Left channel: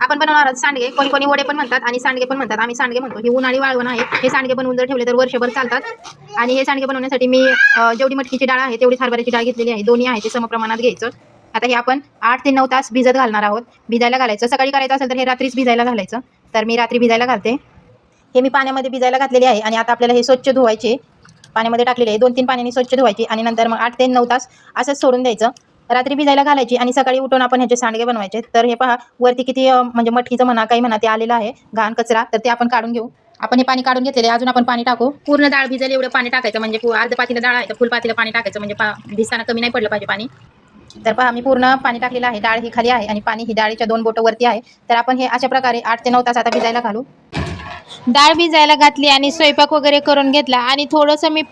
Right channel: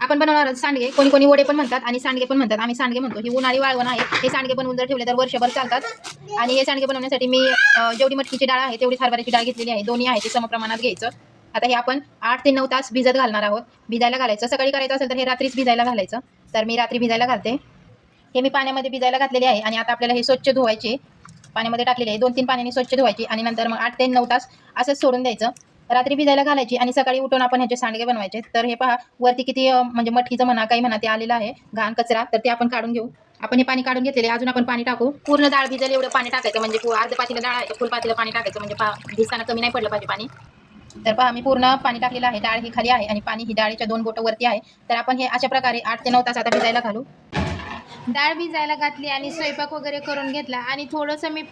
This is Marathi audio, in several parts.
आपण बनवणार आहोत सांडगे. कोणी कोणी वडे पण म्हणतात आणि सांडगे पण म्हणतात. आम्ही सांडगे म्हणतो. हे उन्हाळी वाळवण आहे. हे सांडगे बनवून जर ठेवले तर वर्षभर चालतात. आणि हे सांडगे बनवण्यासाठी मी जेवढी मटकीची डाळ आहे तेवढीच हरभऱ्याची डाळ घेतलेली आहे. दोन्ही आहे ते समप्रमाणात घ्यायचं. आता हे आपण 8 ते 9 तास भिजत घालणार आहोत. भिजायला घालायचं. सकाळी करायचं असेल तर हे रात्रीच भिजायला घालायचं. तर मी रात्री भिजायला घालते. हे मी पाण्यामध्ये भिजायला घातलेले आहे आणि आता आपल्याला हे स्वच्छ धुवायचे. पाण्यामध्ये टाकलेले आहे. 2-3 पाण्याने स्वच्छ धुवायची आणि नंतर मग 8 ते 9 तास असंच सोडून द्यायचं. रात्री भिजायला घालायची आणि सकाळी उठून आपण ह्याचे सांडगे बनवायचे. तर हे पहा वरती किती म्हणजे मटकीचं म्हणा काही म्हणा ते आलेलं आहे घाण कचरा. तर ते आपण काढून घेऊ. आपण हे पाणी काढून घेतलेले. अजून आपण पाणी टाकू. पूर्ण डाळ भिजेल एवढं पाणी टाकायचं. म्हणजे अर्ध पातेलं डाळ आहे तर फुल पातेलं पाणी टाकायचं. म्हणजे भिजताना कमी नाही पडलं पाहिजे पाणी. तर पहा मी पूर्ण पाणी टाकलेलं आहे. डाळ ही खाली आहे आणि पाणी ही डाळीच्या 2 बोटं वरती आहे. तर आपण हे अशा प्रकारे 8 ते 9 तास आता भिजायला घालू. डाळ भिजायला घातली आणि स्वयंपाक वगैरे करून घेतला आणि थोडंसं मी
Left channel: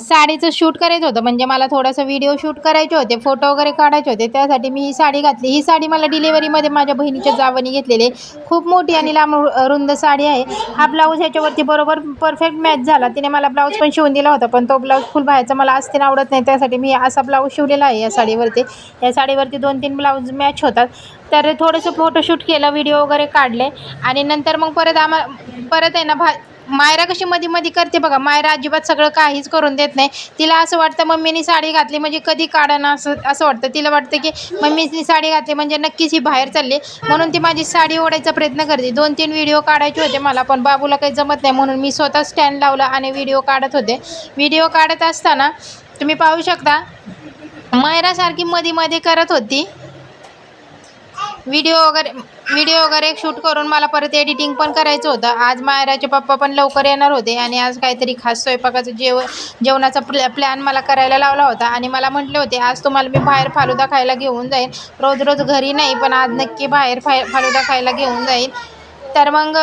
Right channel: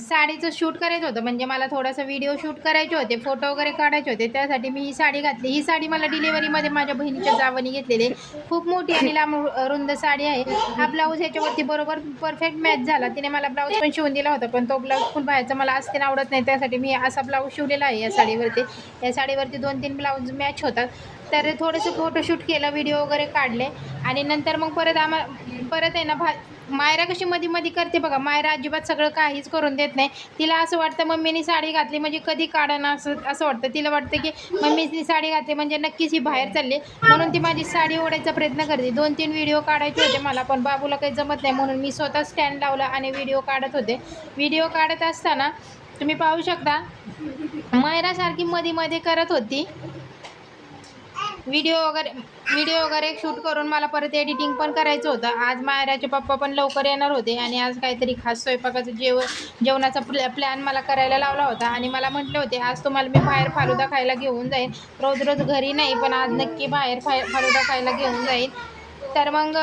साडीचं शूट करायचं होतं. म्हणजे मला थोडंसं व्हिडिओ शूट करायचे होते, फोटो वगैरे काढायचे होते. त्यासाठी मी ही साडी घातली. ही साडी मला डिलिव्हरीमध्ये माझ्या बहिणीच्या जावनी घेतलेली. खूप मोठी आणि लांब रुंद साडी आहे. हा ब्लाऊज ह्याच्यावरती बरोबर परफेक्ट मॅच झाला. तिने मला ब्लाऊज पण शिवून दिला होता, पण तो ब्लाऊज फुल बाहेरचा मला असते आवडत नाही. त्यासाठी मी असा ब्लाऊज शिवलेला आहे या साडीवरती. या साडीवरती 2-3 ब्लाऊज मॅच होतात. तर थोडंसं फोटोशूट केलं, व्हिडिओ वगैरे काढले आणि नंतर मग परत आहे ना मायरा कशी मध्ये मध्ये करते बघा. मायरा अजिबात सगळं काहीच करून देत नाही. तिला असं वाटतं मम्मीनी साडी घातली म्हणजे कधी काढणं असं वाटतं. तिला वाटतं की मम्मीनी साडी घातली म्हणजे नक्कीच ही बाहेर चालली, म्हणून ती माझी साडी ओढायचा प्रयत्न करते. 2-3 व्हिडिओ काढायचे होते मला, पण बाबूला काही जमत नाही म्हणून मी स्वतः स्टँड लावला आणि व्हिडिओ काढत होते. व्हिडिओ काढत असताना तुम्ही पाहू शकता मायरा सारखी मध्ये मध्ये करत होती. व्हिडिओ वगैरे शूट करून मला परत एडिटिंग पण करायचं होतं. आज मायराचे पप्पा पण लवकर येणार होते आणि आज काहीतरी खास स्वयंपाकाचं जेवणाचा प्लॅन मला करायला लावला होता आणि मला म्हटले होते आज तुम्हाला मी बाहेर फालुदा खायला घेऊन जाईन. रोज रोज घरी नाही, पण आज नक्की बाहेर फालुदा खायला घेऊन जाईन. तर मग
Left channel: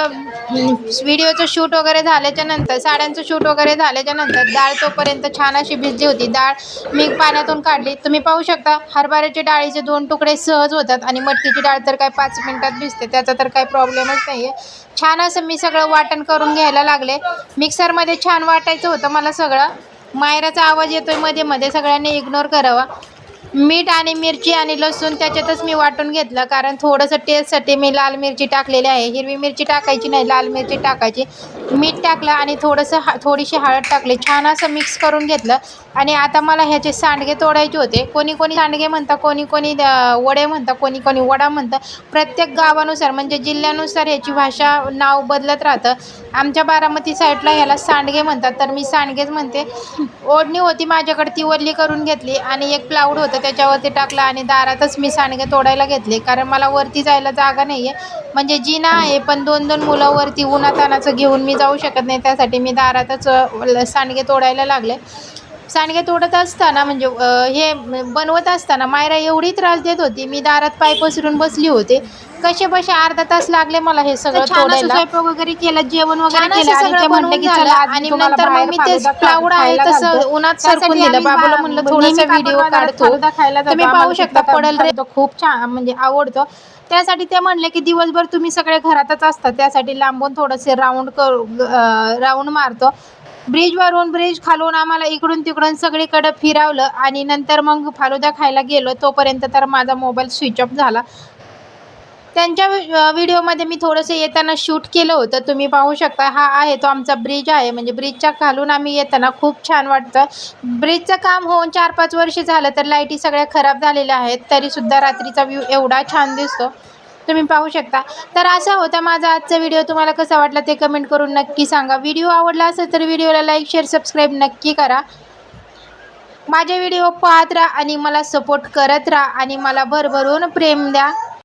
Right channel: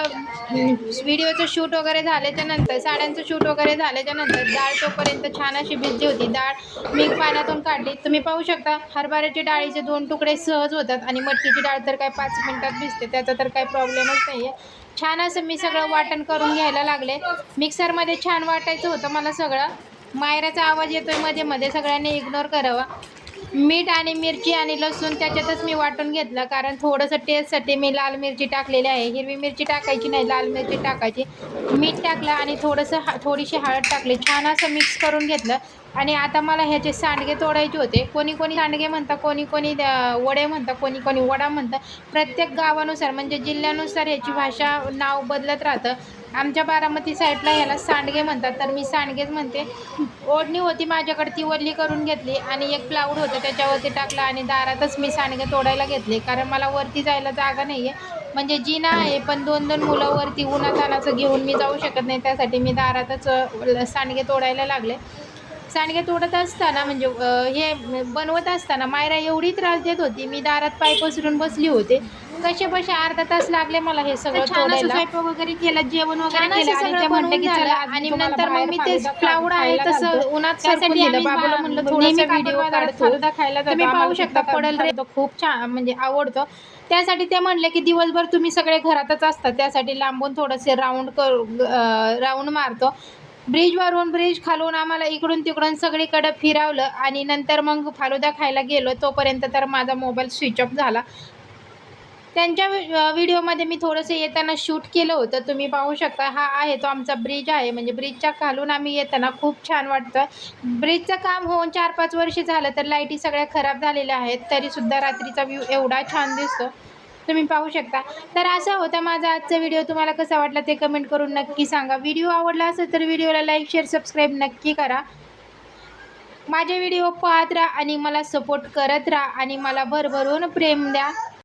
व्हिडिओचं शूट वगैरे झाल्याच्या नंतर, साड्यांचं शूट वगैरे झाल्याच्या नंतर डाळ तोपर्यंत छान अशी भिजली होती. डाळ मी पाण्यातून काढली. तुम्ही पाहू शकता हरभऱ्याच्या डाळीचे 2 तुकडे सहज होतात आणि मटकीची डाळ तर काय 5 मिनिटात भिजते. त्याचा तर काही प्रॉब्लेमच नाही आहे. छान असं मी सगळं वाटण करून घ्यायला लागले. मिक्सरमध्ये छान वाटायचं होतं मला सगळं. मायराचा आवाज येतोय मध्ये मध्ये, सगळ्यांनी इग्नोर करावा. मीठ आणि मिरची आणि लसूण त्याच्यातच मी वाटून घेतलं, कारण थोडंसं टेस्टसाठी मी लाल मिरची टाकलेली आहे. हिरवी मिरची टाकायची नाही, लाल मिरची टाकायची. मीठ टाकलं आणि थोडीशी हळद टाकली. छान असं मिक्स करून घेतलं आणि आता मला ह्याचे सांडगे तोडायचे होते. कोणी कोणी सांडगे म्हणतं, कोणी कोणी वडे म्हणतं, कोणी कोणी वडा म्हणतं. प्रत्येक गावानुसार म्हणजे जिल्ह्यानुसार ह्याची भाषा नाव बदलत राहतं. आमच्या बारामती साईडला ह्याला सांडगे म्हणतात, तर मी सांडगेच म्हणते. ओढणी होती माझ्याकडे, ती ओली करून घेतली आणि एक प्लाऊड होतं त्याच्यावरती टाकलं आणि दारातच मी सांडगे तोडायला घेतले, कारण मला वरती जायला जागा नाही आहे. म्हणजे जिना आहे, पण 2-2 मुलं वरती उन्हातानाचं घेऊन मी जाऊ शकत नाही. त्यासाठी मी दारातच सांडगे तोडायला लागले. सांडगे तोडत असताना म्हणजे हे बनवत असताना मायरा एवढी त्रास देत होती. मी दारात पाय पसरून बसली होते. कसे बसे अर्धा तास लागले मला हे सगळं तोडायला. स्वयंपाक वगैरे केलं, जेवण वगैरे छान केलं असं आणि सगळं ते म्हटलं बनवून की झालं चला आज आणि तुम्हाला नंतर मग बाहेर मी ते फालुदा प्लाऊड आहे खायला तसं घालतो. उन्हात सरकून त्यासाठी दिलं. आम्ही बाबूला म्हणलं नेहमी थोडासा व्हिडिओ काकड बाजारात काढतो. फालुदा खायला तुम्ही जातो. पाहू आम्हाला शकता तिथला पडल रे. फालुदा खूप छान म्हणजे आवडतो. त्यासाठी ते म्हणले की दिवसभर तुम्ही सगळे घरातच असतात, त्यासाठी लांबून थोडेसे राऊंड मारतो. ब्रिज खालून आम्हाला इकडून तिकडून सगळीकडे फिरवलं आणि नंतर मग फालुदा खायला गेलो. तोपर्यंत तर माझा मोबाईल स्विच ऑफ झाला. त्यांच्या व्हिडिओमध्ये मी थोडंसं येताना शूट केलं होतं. तुम्ही पाहू शकता हा आहे तो आमचा ब्रिज आहे. म्हणजे ब्रिजच्या खालून आम्ही येताना खूप छान वाटतं. ब्रिजचं काम होऊन 4-5 वर्ष झालं, तर लाईटी सगळ्या खराब झालेल्या आहेत, तरीसुद्धा रात्रीचा व्ह्यू एवढा छान दिसतो. तुम्ही पाहू शकता. तर असा होता माझा आजचा व्हिडिओ. तुम्हाला कसा वाटला ते कमेंट करून नक्की सांगा. व्हिडिओ आवडला असेल तर व्हिडिओला लाईक, शेअर, सबस्क्राईब नक्की करा. माझे व्हिडिओ पाहत राहा आणि मला सपोर्ट करत राहा आणि मला भरभरून प्रेम द्या.